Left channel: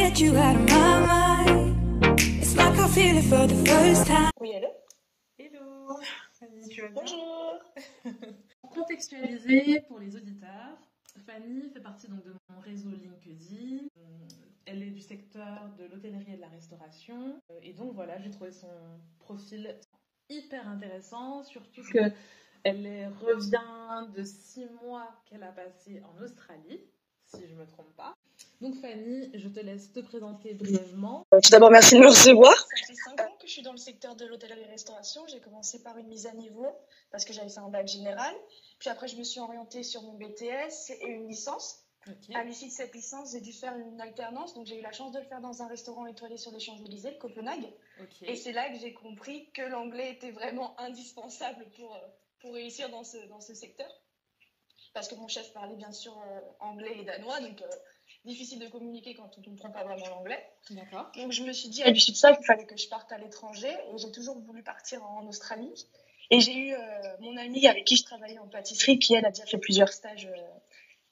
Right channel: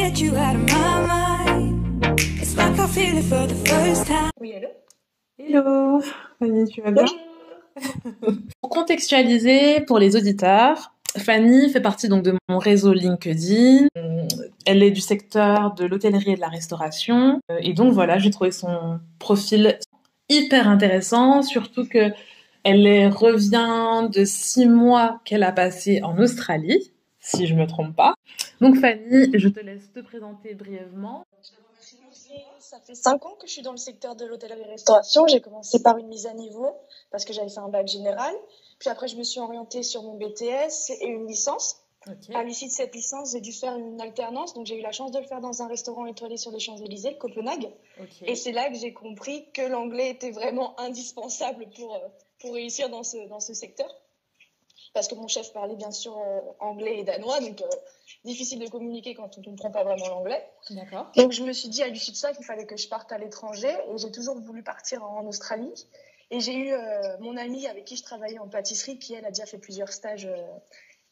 get you out of my mind. It's like I feel it for the first time. Oui, allô? Hello, Fanny, tu vas bien? Bonjour. Pour contextualiser pour les auditeurs, Fanny fait partie donc de mon réseau LinkedIn. Elle est du secteur de l'hôtellerie et de la restauration. Et donc voilà, j'ai trouvé son profil hyper intéressant, surtout que revient de 6 mois qu'elle a passé en Australie, si je me trompe pas. Donc Fanny, je te laisse te présenter brièvement. Tout d'abord, merci de me recevoir. Ça fait 5 ans que je suis dans le secteur de l'hôtellerie-restauration. J'ai commencé par une mise à niveau parce que j'avais fait un bac général. Puis après, je me suis orientée sur mon BTS et une licence. Ok. À l'issue de cette licence, j'ai dû faire une alternance. Donc, j'ai eu la chance de le faire dans un restaurant étoilé sur les Champs-Élysées, Copenhague. Ok. Et c'est là que j'ai compris que l'anglais était vraiment indispensable pour réussir dans ce secteur. Parce que mon chef parlait bien sûr anglais et danois, donc difficile de communiquer quand on ne comprend pas vraiment l'anglais. D'accord. Donc je me suis dit à l'issue de ça qu'il fallait que je parte à l'étranger et j'ai toujours voulu partir en Australie. Et j'ai eu mon amie avec qui je travaillais en pâtisserie qui elle a déjà fait plusieurs stages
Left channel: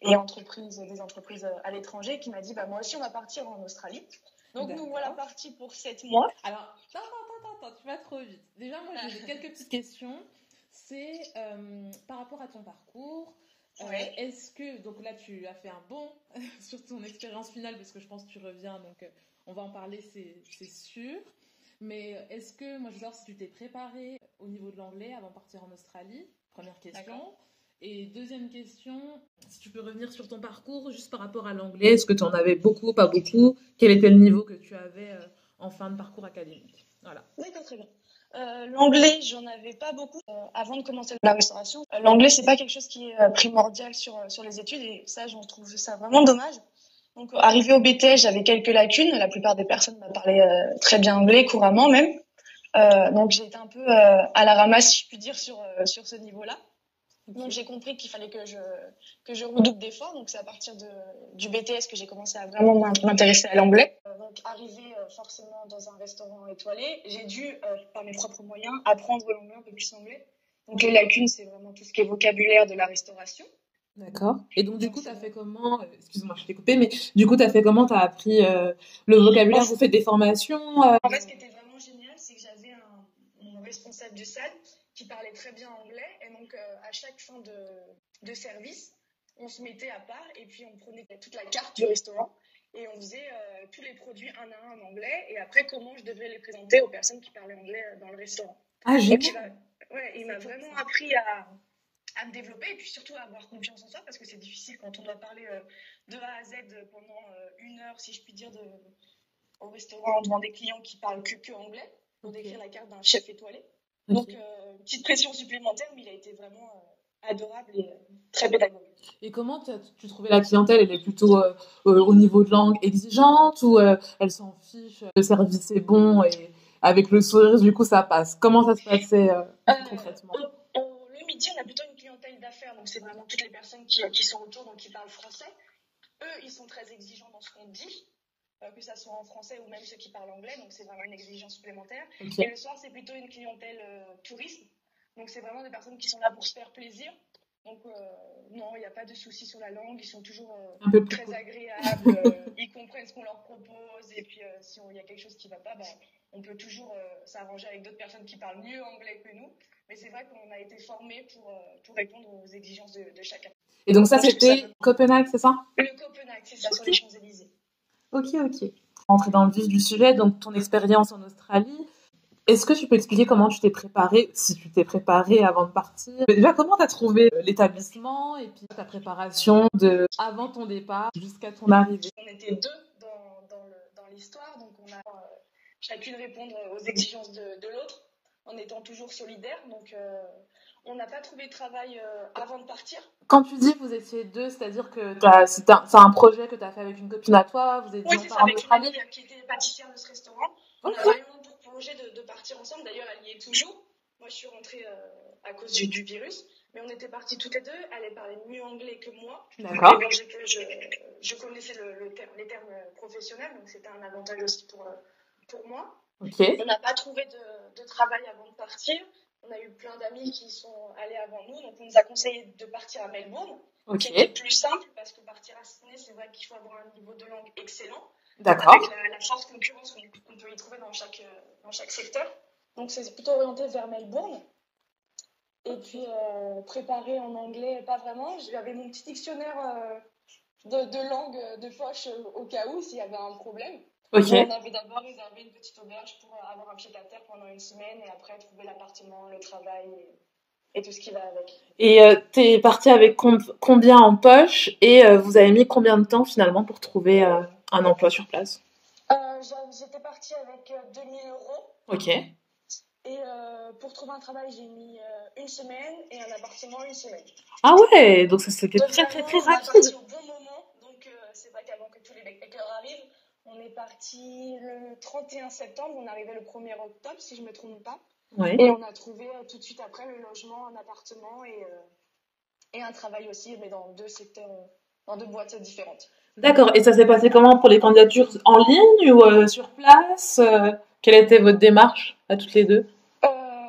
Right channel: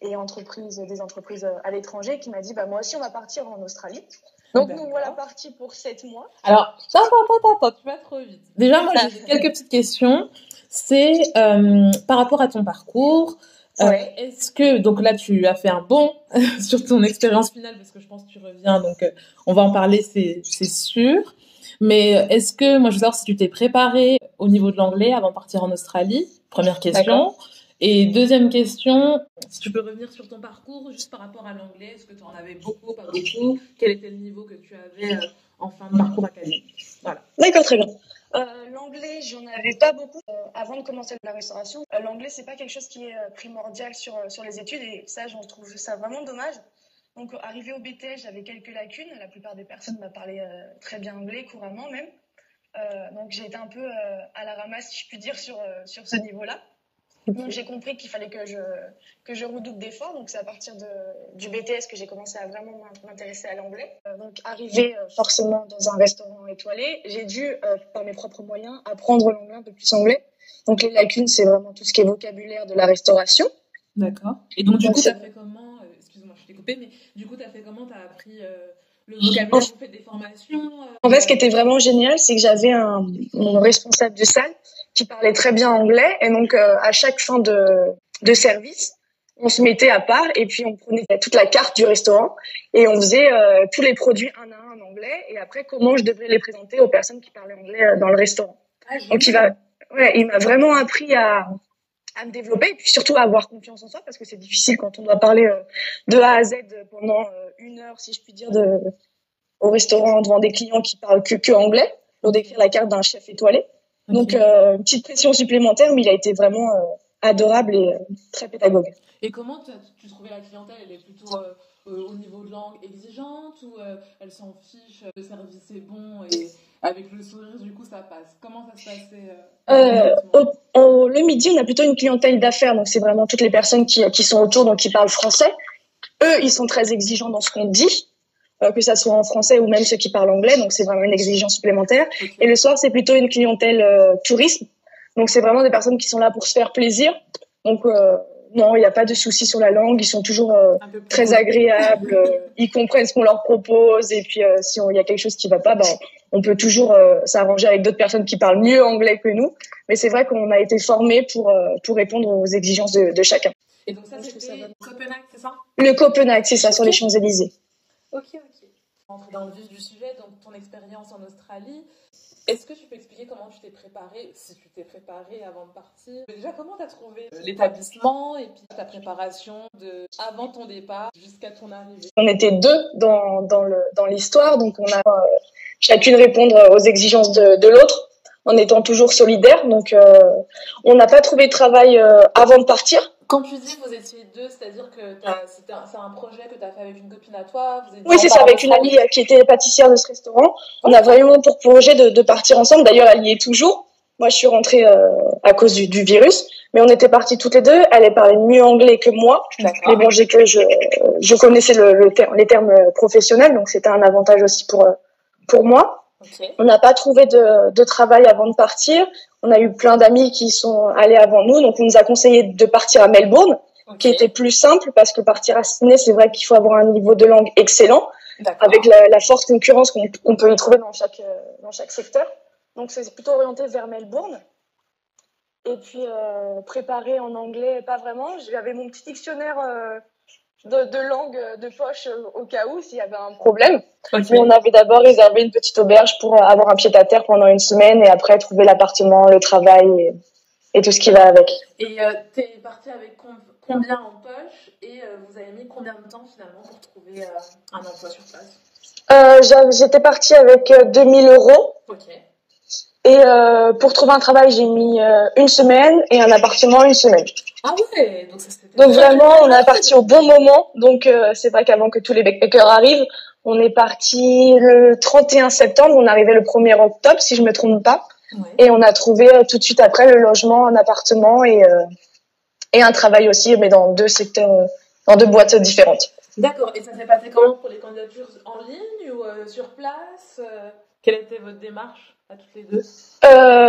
et des entreprises à l'étranger qui m'a dit moi aussi on va partir en Australie. Donc nous voilà partis pour 7 mois. Alors, attends, tu vas trop vite. Déjà, moi, j'ai quelques petites questions. C'est par rapport à ton parcours. Ouais. Est-ce que, donc là, tu as fait un bond sur ton expérience finale, parce que je pense que tu reviens, donc on va en parler, c'est sûr. Mais est-ce que, moi, je veux savoir si tu t'es préparée au niveau de l'anglais avant de partir en Australie? Première question. D'accord. Et deuxième question, si tu peux revenir sur ton parcours, juste par rapport à l'anglais, est-ce que tu en avais beaucoup, pas beaucoup? Quel était le niveau que tu avais en fin de parcours académique? Voilà. D'accord, très bien. L'anglais, j'en avais pas beaucoup avant de commencer la restauration. L'anglais, c'est pas quelque chose qui est primordial sur les études et ça, j'en trouve ça vraiment dommage. Donc, arrivé au BTS, j'avais quelques lacunes. La plupart des personnes me parlaient très bien anglais, couramment même. Donc, j'ai été un peu à la ramasse, si je puis dire, sur ce niveau-là. Ok. Donc, j'ai compris qu'il fallait que je redouble d'efforts. Donc, c'est à partir du BTS que j'ai commencé à vraiment m'intéresser à l'anglais. Donc, arrivé forcément dans un restaurant étoilé, j'ai dû, par mes propres moyens, apprendre l'anglais un peu plus anglais. Donc, les lacunes, c'est vraiment tout ce qui est vocabulaire de la restauration. D'accord. Et donc, du Donc, coup, tu as fait comment excuse-moi, je t'ai coupé, mais du coup, tu as fait comment? Tu as appris le vocabulaire? Vous faites des formations En fait, ce qui était vraiment génial, c'est que j'avais mon responsable de salle qui parlait très bien anglais. Et donc, à chaque fin de service, on se mettait à part et puis on prenait toute la carte du restaurant et on faisait tous les produits un à un en anglais. Et après, comment je devrais les présenter aux personnes qui parlaient anglais dans le restaurant. Ah, Donc, génial. il m'a vraiment appris à me développer et puis surtout à avoir confiance en soi parce que c'est difficile quand on doit parler de A à Z pendant 1 heure, si je puis dire, au restaurant devant des clients qui parlent que anglais pour décrire la carte d'un chef étoilé. Ok. Donc, une petite pression supplémentaire, mais il a été vraiment adorable et très pédagogue. Et comment tu trouvais la clientèle? Elle est plutôt au niveau de langue exigeante ou elle s'en fiche, le service est bon et avec le sourire, du coup, ça passe? Comment ça se passait concrètement? Le midi, on a plutôt une clientèle d'affaires, donc c'est vraiment toutes les personnes qui sont autour, donc qui parlent français. Eux, ils sont très exigeants dans ce qu'on dit, que ça soit en français ou même ceux qui parlent anglais, donc c'est vraiment une exigence supplémentaire. Ok. Et le soir, c'est plutôt une clientèle tourisme, donc c'est vraiment des personnes qui sont là pour se faire plaisir. Donc non, il n'y a pas de souci sur la langue, ils sont toujours Un peu plus très cool. agréables, ils comprennent ce qu'on leur propose et puis si il y a quelque chose qui va pas, on peut toujours s'arranger avec d'autres personnes qui parlent mieux anglais que nous. Mais c'est vrai qu'on a été formés pour répondre aux exigences de chacun. Et donc ça, c'était Copenhague, c'est ça? Le Copenhague, c'est ça, sur les Champs-Élysées. Ok. Rentrer dans le vif du sujet, donc ton expérience en Australie. Est-ce que tu peux expliquer comment tu t'es préparée, si tu t'es préparée avant de partir? Déjà, comment tu as trouvé l'établissement et puis ta préparation avant ton départ jusqu'à ton arrivée? On était 2 dans l'histoire, donc on a chacune répondre aux exigences de l'autre en étant toujours solidaire. Donc on n'a pas trouvé de travail avant de partir. Quand tu dis que vous étiez 2, c'est-à-dire que c'est un projet que tu as fait avec une copine à toi? Oui, c'est ça, avec une amie qui était pâtissière de ce restaurant. On a vraiment pour projet de partir ensemble. D'ailleurs, elle y est toujours. Moi, je suis rentrée à cause du virus, mais on était parties toutes les 2. Elle parlait mieux anglais que moi. D'accord. Mais bon, je connaissais les termes professionnels, donc c'était un avantage aussi pour moi. Ok. On n'a pas trouvé de travail avant de partir. On a eu plein d'amis qui sont allés avant nous, donc on nous a conseillé de partir à Melbourne, Ok. qui était plus simple parce que partir à Sydney, c'est vrai qu'il faut avoir un niveau de langue excellent. D'accord. avec la forte concurrence qu'on peut y trouver dans chaque secteur. Donc, c'est plutôt orienté vers Melbourne. Et puis, préparé en anglais, pas vraiment. J'avais mon petit dictionnaire de langue de poche au cas où, s'il y avait un problème. Ok. Mais on avait d'abord réservé une petite auberge pour avoir un pied-à-terre pendant une semaine et après trouver l'appartement, le travail et tout ce qui va avec. Et t'es partie avec combien en poche et vous avez mis combien de temps finalement pour trouver un emploi sur place? J'étais partie avec 2000 euros. Ok. Et pour trouver un travail, j'ai mis une semaine et un appartement une semaine. Ah ouais, donc ça c'était Donc très, très, vraiment, très on est rapide. parti au bon moment. Donc c'est vrai qu'avant que tous les backpackers arrivent, on est parti le 31 septembre. On arrivait le 1er octobre, si je me trompe pas. Ouais. Et on a trouvé tout de suite après le logement, un appartement et un travail aussi, mais dans deux secteurs, dans deux boîtes différentes. D'accord. Et ça s'est passé comment pour les candidatures en ligne ou sur place? Quelle était votre démarche à toutes les deux?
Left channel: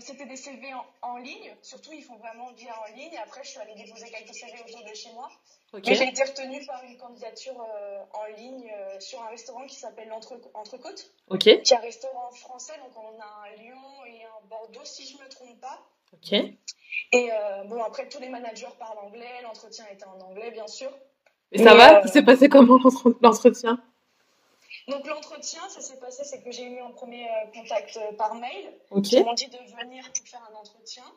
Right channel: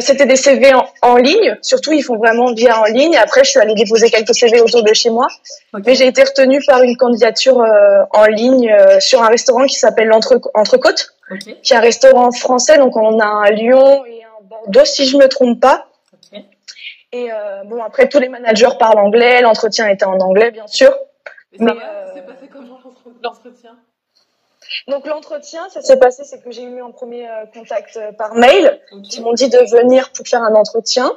C'était des CV en ligne. Surtout, ils font vraiment bien en ligne. Après, je suis allée déposer quelques CV autour de chez moi. Ok. Mais j'ai été retenue par une candidature en ligne sur un restaurant qui s'appelle l'Entrecôte, Ok. qui est un restaurant français. Donc, on a un Lyon et un Bordeaux, si je me trompe pas. Ok. Et bon, après, tous les managers parlent anglais. L'entretien était en anglais, bien sûr. Et ça Mais, va? C'est passé comment l'entretien? Donc, l'entretien, ça s'est passé, c'est que j'ai eu un premier contact par mail. Ok. Ils m'ont dit de venir pour faire un entretien.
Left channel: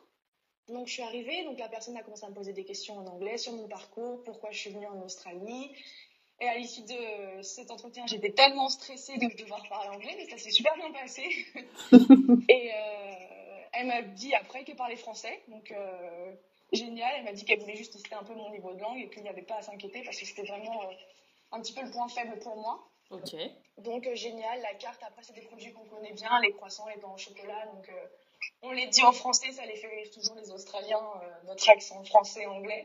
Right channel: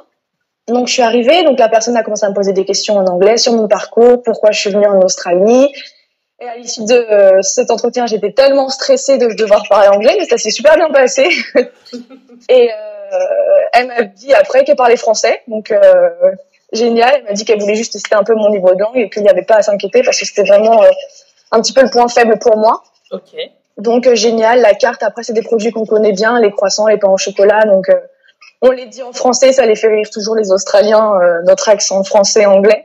Donc, je suis arrivée. Donc, la personne a commencé à me poser des questions en anglais sur mon parcours, pourquoi je suis venue en Australie. Et à l'issue de cet entretien, j'étais tellement stressée de devoir parler anglais, mais ça s'est super bien passé. Et elle m'a dit après qu'elle parlait français, donc génial. Elle m'a dit qu'elle voulait juste tester un peu mon niveau de langue et qu'il n'y avait pas à s'inquiéter parce que c'était vraiment un petit peu le point faible pour moi. Ok. Donc génial. La carte, après, c'est des produits qu'on connaît bien, les croissants, les pains au chocolat. Donc on les dit en français, ça les fait rire toujours les Australiens, notre accent français-anglais.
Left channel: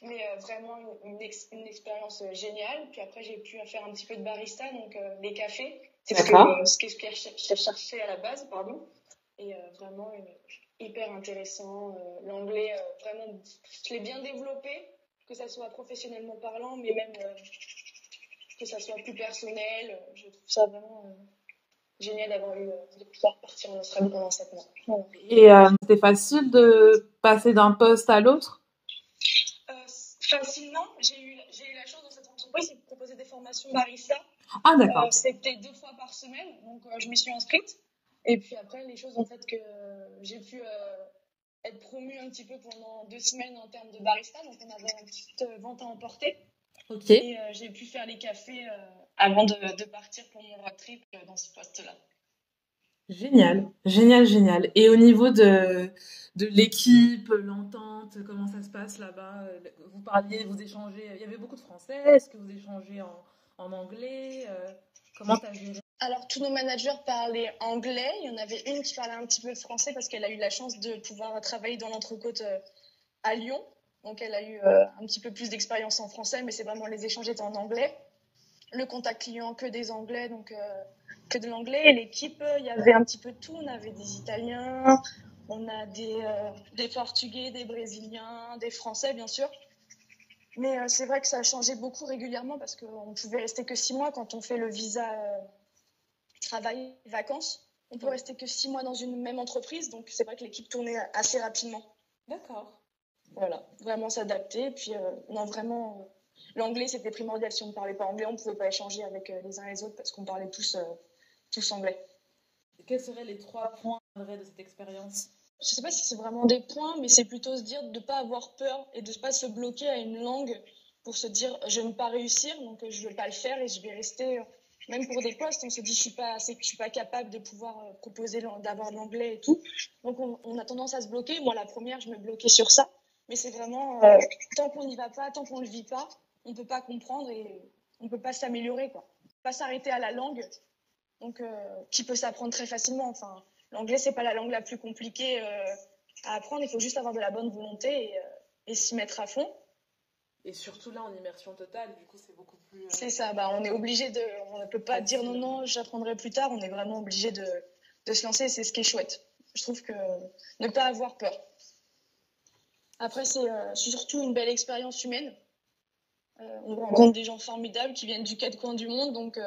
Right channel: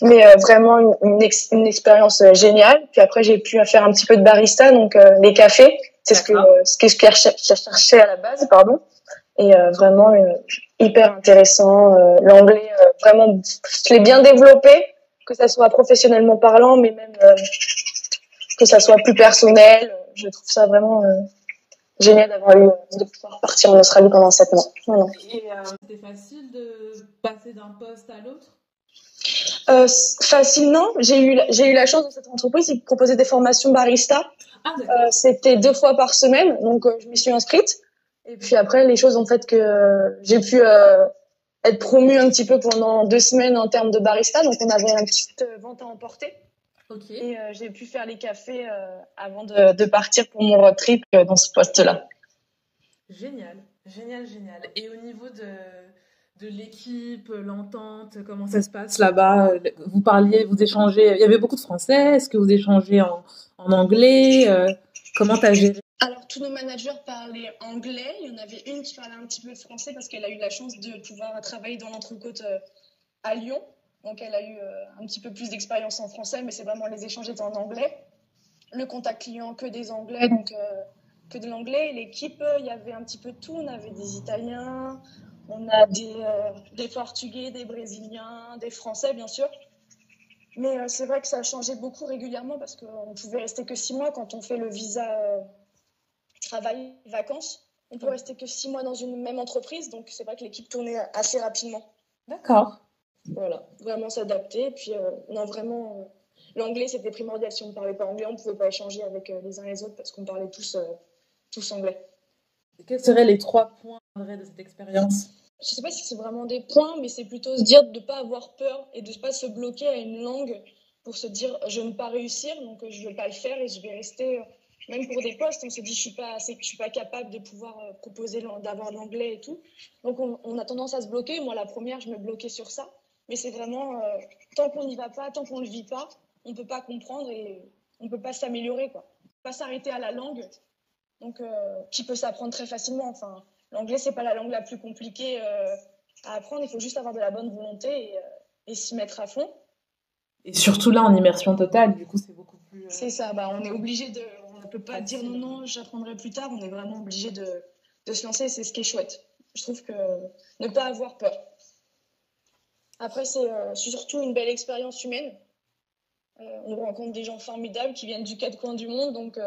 Mais vraiment une expérience géniale. Puis après, j'ai pu faire un petit peu de barista, donc les cafés. C'est ce que je cherchais à la base, pardon. Et vraiment hyper intéressant. L'anglais, vraiment, je l'ai bien développé, que ça soit professionnellement parlant, mais même que ça soit plus personnel. Je trouve ça vraiment génial de pouvoir partir en Australie pendant 7 mois. Voilà. Et c'était facile de passer d'un poste à l'autre? Facilement, j'ai eu la chance dans cette entreprise, ils proposaient des formations barista. Ah d'accord. C'était 2 fois par semaine, donc je m'y suis inscrite. Et puis après, les choses ont fait que j'ai pu être promue un petit peu pendant 2 semaines en termes de barista. Donc on avait une petite vente à emporter. Ok. Et j'ai pu faire les cafés avant de partir pour mon road trip dans ce poste-là. Génial, génial, génial. Et au niveau de l'équipe, l'entente, comment ça se passe là-bas? Vous parliez, vous échangez, il y avait beaucoup de Français, est-ce que vous échangez en anglais? Comment t'as géré? Alors, tous nos managers parlaient anglais. Il y en avait une qui parlait un petit peu de français parce qu'elle a eu la chance de pouvoir travailler dans l'Entrecôte à Lyon. Donc, elle a eu un petit peu plus d'expérience en français, mais c'est vraiment les échanges étaient en anglais. Le contact client, que des anglais, donc que de l'anglais. Et l'équipe, il y avait un petit peu de tout. On avait des Italiens, on a des Portugais, des Brésiliens, des Français, bien sûr. Mais c'est vrai que ça a changé beaucoup régulièrement parce qu'on pouvait rester que 6 mois quand on fait le visa travail, vacances. On peut rester que 6 mois dans une même entreprise, donc c'est vrai que l'équipe tournait assez rapidement. D'accord. Voilà, vraiment s'adapter. Et puis, non, vraiment, l'anglais, c'était primordial. Si on ne parlait pas anglais, on ne pouvait pas échanger avec les uns les autres parce qu'on parlait tous anglais. Et quels seraient les 3 points de cette expérience? Je ne sais pas si c'est vraiment des points, mais c'est plutôt se dire de ne pas avoir peur et de ne pas se bloquer à une langue pour se dire je ne vais pas réussir, donc je ne vais pas le faire et je vais rester. Même pour des postes, on se dit je suis pas capable de pouvoir proposer d'avoir de l'anglais et tout. Donc on a tendance à se bloquer. Moi, la première, je me bloquais sur ça. Mais c'est vraiment tant qu'on n'y va pas, tant qu'on ne le vit pas, on ne peut pas comprendre et on ne peut pas s'améliorer, quoi. On ne peut pas s'arrêter à la langue, donc qui peut s'apprendre très facilement. Enfin, l'anglais, c'est pas la langue la plus compliquée à apprendre. Il faut juste avoir de la bonne volonté et s'y mettre à fond. Et surtout là, en immersion totale, du coup, c'est beaucoup plus... C'est ça, on est obligé on ne peut pas dire non, j'apprendrai plus tard. On est vraiment obligé de se lancer. C'est ce qui est chouette. Je trouve que ne pas avoir peur. Après, c'est surtout une belle expérience humaine. On rencontre des gens formidables qui viennent du quatre coins du monde, donc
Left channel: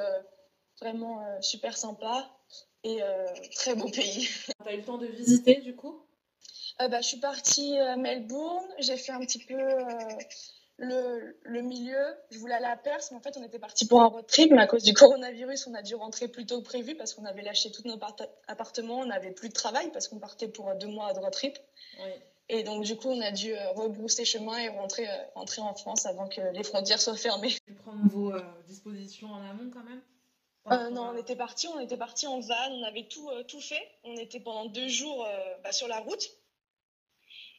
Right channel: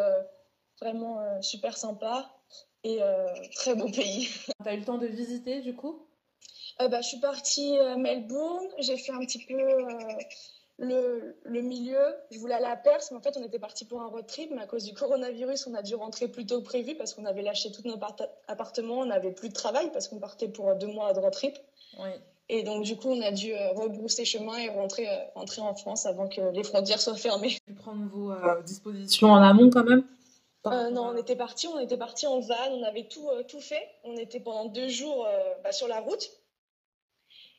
Vraiment super sympa et très beau pays. T'as eu le temps de visiter du coup? Je suis partie à Melbourne, j'ai fait un petit peu le milieu. Je voulais aller à Perth, mais en fait, on était parti pour un road trip, mais à cause du coronavirus, on a dû rentrer plus tôt que prévu parce qu'on avait lâché tous nos appartements, on n'avait plus de travail parce qu'on partait pour 2 mois de road trip. Oui. Et donc, du coup, on a dû rebrousser chemin et rentrer en France avant que les frontières soient fermées. Tu prendre vos dispositions en amont quand même? Non, on était parti en van, on avait tout fait. On était pendant 2 jours sur la route.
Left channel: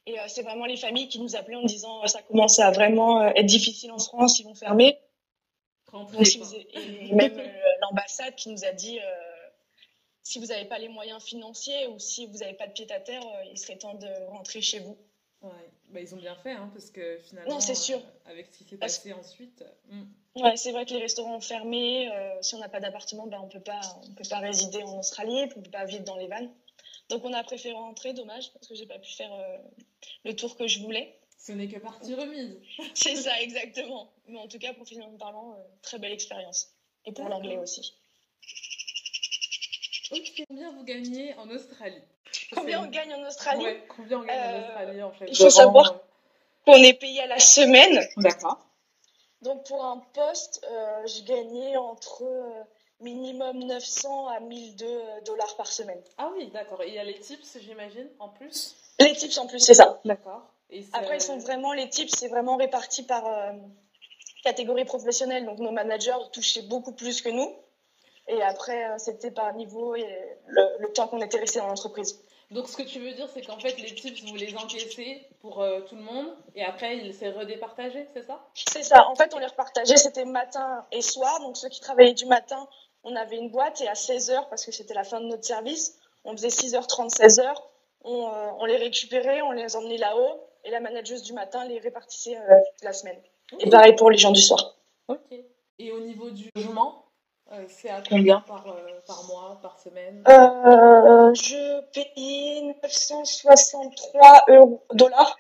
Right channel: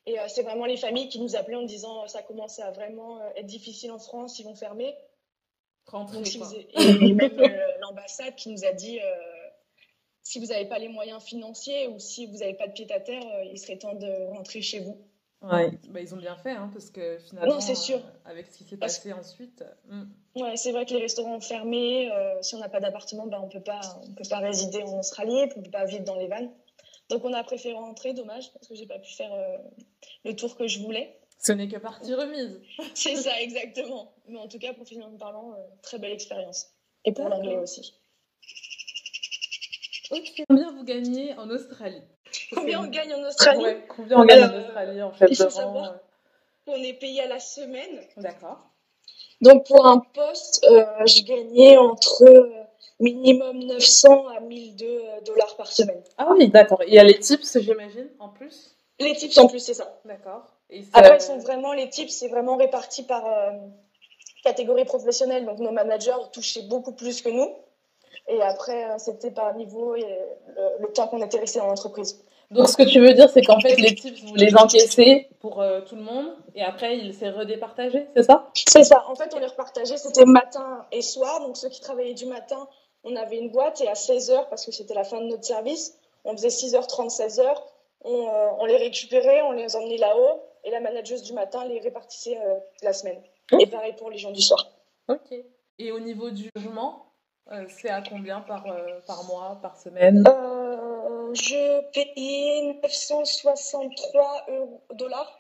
Et c'est vraiment les familles qui nous appelaient en disant ça commence à vraiment être difficile en France, ils vont fermer. Rentrer, quoi. Et même l'ambassade qui nous a dit si vous n'avez pas les moyens financiers ou si vous n'avez pas de pied à terre, il serait temps de rentrer chez vous. Ouais, ils ont bien fait, hein, parce que finalement, non, c'est sûr. Avec ce qui s'est passé ensuite. Ouais, c'est vrai que les restaurants ont fermé. Si on n'a pas d'appartement, on peut pas résider en Australie, on peut pas vivre dans les vannes. Donc on a préféré rentrer, dommage, parce que j'ai pas pu faire le tour que je voulais. Ce n'est que partie remise. C'est ça, exactement. Mais en tout cas, professionnellement parlant, très belle expérience. Et pour l'anglais aussi. Ok. Combien vous gagnez en Australie? Combien on gagne en Australie? Ouais, combien on gagne en Australie en fait? Il faut savoir qu'on est payé à la semaine. D'accord. Donc pour un poste, je gagnais entre minimum 900 à 1002 dollars par semaine. Ah oui, d'accord. Il y a les tips, j'imagine, en plus? Les tips en plus, c'est ça. D'accord. Et après, les tips, c'est vraiment réparti par catégorie professionnelle. Donc nos managers touchaient beaucoup plus que nous. Et après, c'était par niveau et le temps qu'on était resté dans l'entreprise. Donc, ce que tu veux dire, c'est qu'en fait, les tips, vous les encaissez pour tout le monde et après, il s'est redépartagé, c'est ça? C'est ça. En fait, on les repartageait. C'était matin et soir. Donc, ceux qui travaillaient du matin, on avait une boîte et à 16h, parce que c'était la fin de notre service, on faisait 6h30, 16h. On les récupérait, on les emmenait là-haut et la manageuse du matin les répartissait la semaine. Okay. Et pareil pour les gens du soir. Ok. Et au niveau du logement, c'est à combien par mois, par semaine? Je payais 963 dollars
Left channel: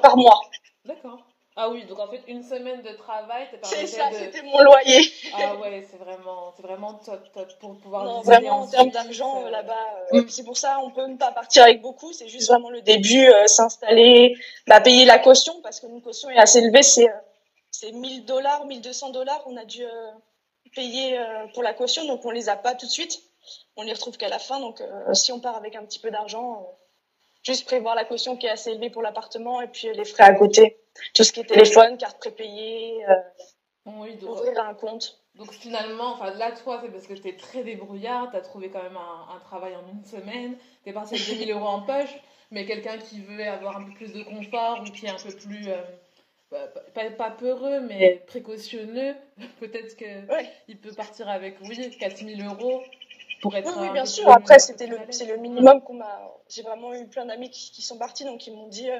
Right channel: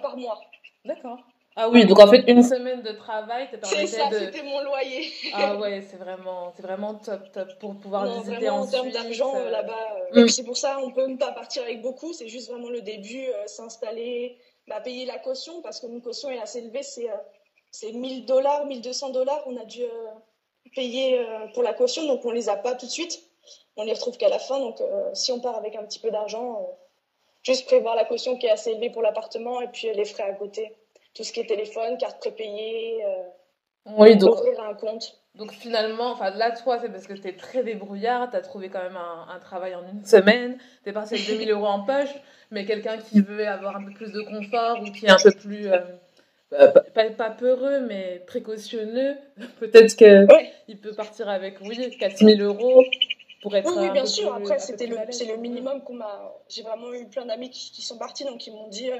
par mois. D'accord. Ah oui, donc en fait, une semaine de travail te permettait C'est ça, c'était mon loyer. Ah ouais, c'est vraiment top pour pouvoir visiter vraiment, en termes d'argent, là-bas. Et puis c'est pour ça, on peut pas partir avec beaucoup. C'est juste vraiment le début, s'installer, payer la caution, parce que une caution est assez élevée, c'est 1000 dollars, 1200 dollars. On a dû payer pour la caution, donc on les a pas tout de suite. On les retrouve qu'à la fin. Donc si on part avec un petit peu d'argent, juste prévoir la caution qui est assez élevée pour l'appartement et puis les frais à côté. Tout ce qui est téléphone, carte prépayée, oui, donc, ouvrir un compte. Donc finalement, là, toi, c'est parce que tu es très débrouillard, tu as trouvé quand même un travail en une semaine, tu es parti avec 2000 euros en poche, mais quelqu'un qui veut avoir un peu plus de confort ou qui est un peu plus, pas peureux, mais précautionneux, peut-être qu'il peut partir avec, 4000 euros. Pour être oui, bien sûr. Après, c'est le minimum qu'on m'a. J'ai vraiment eu plein d'amis qui sont partis, donc ils m'ont dit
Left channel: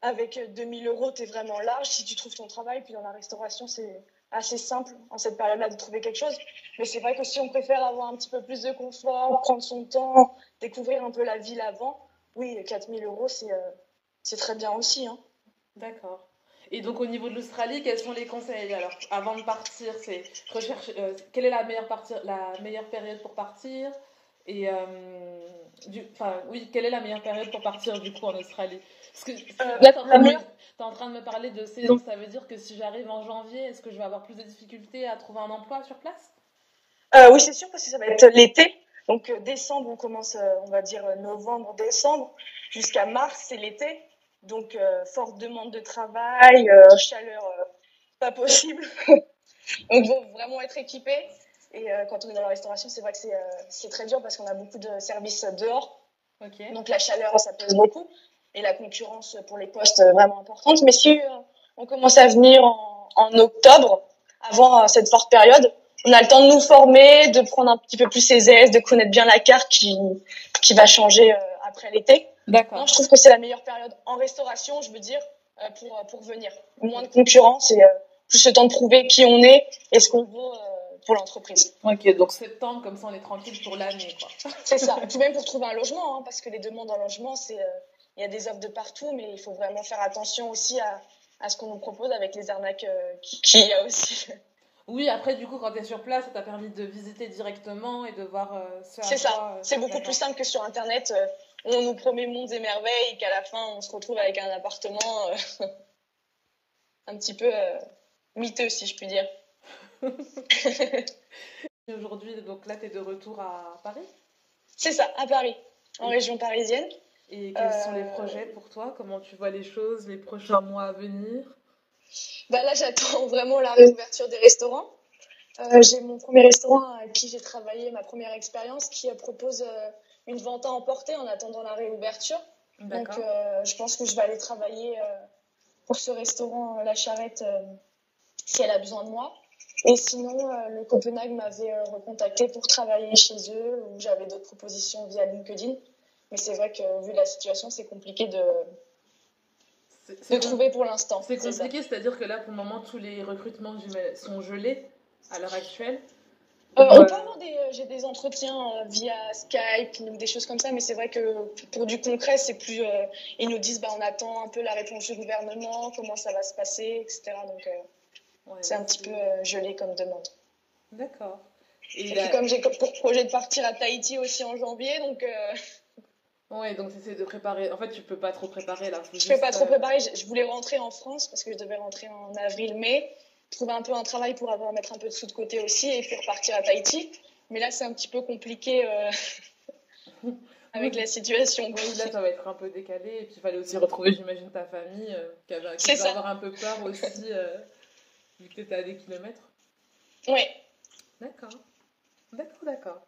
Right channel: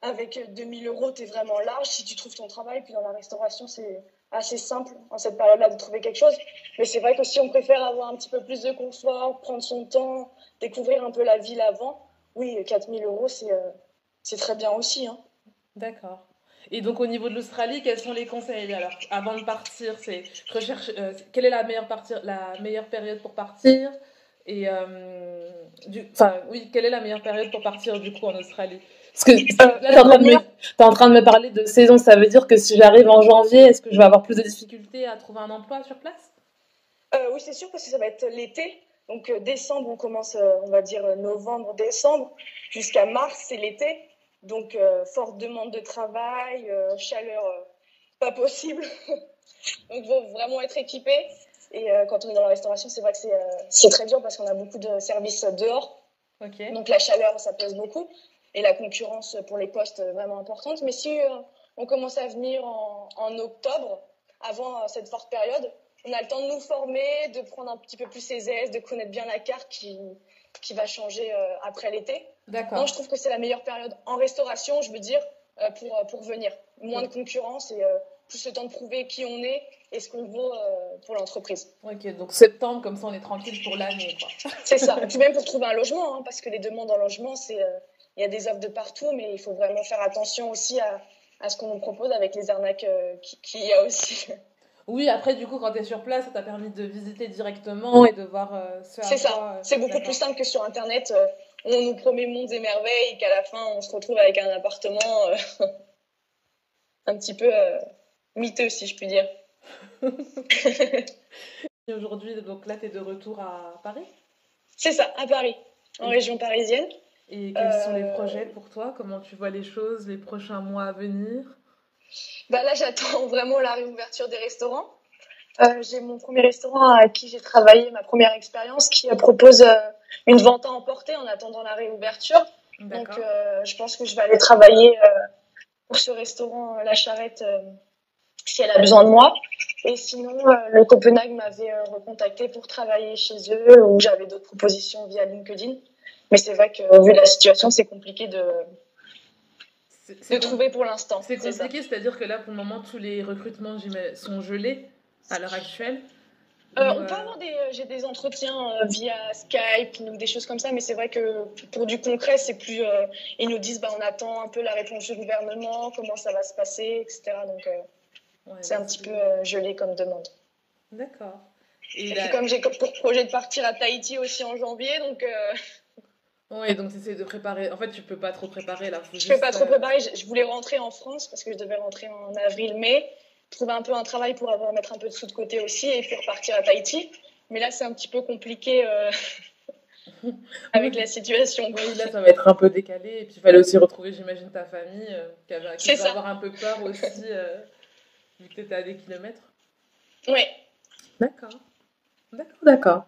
avec 2000 euros, tu es vraiment large si tu trouves ton travail. Puis dans la restauration, c'est assez simple en cette période-là de trouver quelque chose. Mais c'est vrai que si on préfère avoir un petit peu plus de confort, prendre son temps, découvrir un peu la ville avant, oui, 4000 euros, c'est très bien aussi. Hein. D'accord. Et donc, au niveau de l'Australie, quels sont les conseils? Alors, avant de partir, c'est quelle est la meilleure période pour partir? Et quelle est la meilleure période pour partir du coup en Australie? Parce que là, t'es en train de me parler de saison, ça veut dire que si j'arrive en janvier, est-ce que je vais avoir plus de difficultés à trouver un emploi sur place? Oui, c'est sûr, parce que ça va être l'été. Donc, décembre, on commence, on va dire novembre, décembre, jusqu'à mars, c'est l'été. Donc, forte demande de travail, chaleur pas possible. Donc, il faut vraiment être équipé. Et quand on est dans la restauration, c'est vrai que c'est très dur parce qu'on a beaucoup de services dehors. Okay. Donc, la chaleur, ça pèse beaucoup. Et la concurrence pour les postes vraiment importante. Mais si on commence à venir en octobre, avant cette forte période, on a le temps de nous former, de prendre un petit peu plus ses aises, de connaître bien la carte qui va changer après l'été. D'accord. Donc, je trouve que c'est la meilleure période en restauration, je veux dire, pour venir. Moins de concurrence et plus le temps de prouver qui on est et ce qu'on vaut pour l'entreprise. Ok, donc septembre, comme ça on est tranquille pour l'année, quoi. C'est ça. Et puis même pour trouver un logement, hein, parce que les demandes en logement, il y a des offres de partout, mais il faut vraiment faire attention aussi à ce qu'on nous propose avec les arnaques qu'il y a aussi. Oui, après, du coup, quand tu es sur place, ça t'a permis de visiter directement et de voir ce à C'est ça. quoi. C'est beaucoup plus D'accord. simple que sur Internet. Où on nous promet mondes et merveilles et qu'à la fin, on se retrouve avec un appartement un petit peu miteux, si je puis dire. Et aujourd'hui, donc là, tu es de retour à Paris. C'est ça, à Paris, en Et, région parisienne. et quels sont les Euh, projets pour toi? Comment tu vois les choses, les prochains mois à venir? Bah là, j'attends vraiment la réouverture des restaurants. J'ai mon premier restaurant à qui j'ai travaillé, ma première expérience, qui propose une vente à emporter en attendant la réouverture. Donc, D'accord. je pense que je vais aller travailler pour ce restaurant La Charrette si elle a besoin de moi. Et sinon, le Copenhague m'avait recontacté pour travailler chez eux où j'avais d'autres propositions via LinkedIn. Mais c'est vrai que vu la situation, c'est compliqué C'est de c'est com- trouver pour l'instant. c'est C'est ça. compliqué, c'est-à-dire que là, pour le moment, tous les recrutements sont gelés à l'heure actuelle. Ou, On peut avoir j'ai des entretiens via Skype ou des choses comme ça, mais c'est vrai que pour du concret, c'est plus. Ils nous disent, bah, on attend un peu la réponse du gouvernement, comment ça va se passer, etc. Donc, ouais, c'est donc un petit peu gelé comme demande. D'accord. Et Et puis, là, comme j'ai pour projet de partir à Tahiti aussi en janvier, donc ouais, donc c'est de préparer. En fait, tu peux pas trop préparer là, faut je ne peux pas juste. trop préparer. Je voulais rentrer en France parce que je devais rentrer en avril-mai, trouver un peu un travail pour mettre un peu de sous de côté aussi et puis repartir à Tahiti. Mais là, c'est un petit peu compliqué avec Oui, la situation, quoi. oui, là, ça va être un peu décalé. Et puis, il fallait aussi retrouver, j'imagine, ta famille qui C'est devait ça. avoir un peu peur aussi, vu que tu étais à des kilomètres. Ouais. D'accord, d'accord.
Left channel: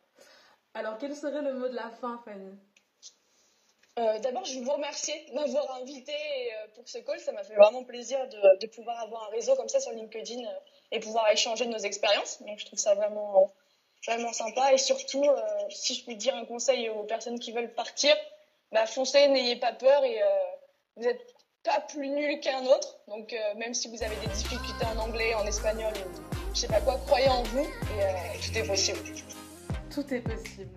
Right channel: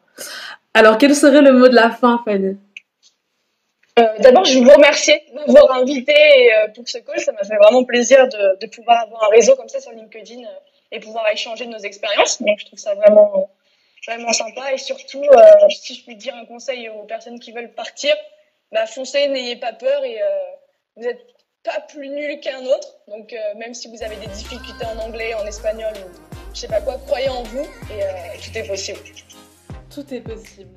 Alors, quel serait le mot de la fin, Fanny? D'abord, je veux vous remercier de m'avoir invité pour ce call. Ça m'a fait vraiment plaisir de pouvoir avoir un réseau comme ça sur LinkedIn et pouvoir échanger nos expériences. Donc, je trouve ça vraiment, vraiment sympa. Et surtout, si je puis dire un conseil aux personnes qui veulent partir, bah, foncez, n'ayez pas peur et vous n'êtes pas plus nul qu'un autre. Donc, même si vous avez des difficultés en anglais, en espagnol ou je sais pas quoi, croyez en vous et tout est possible. Tout est possible.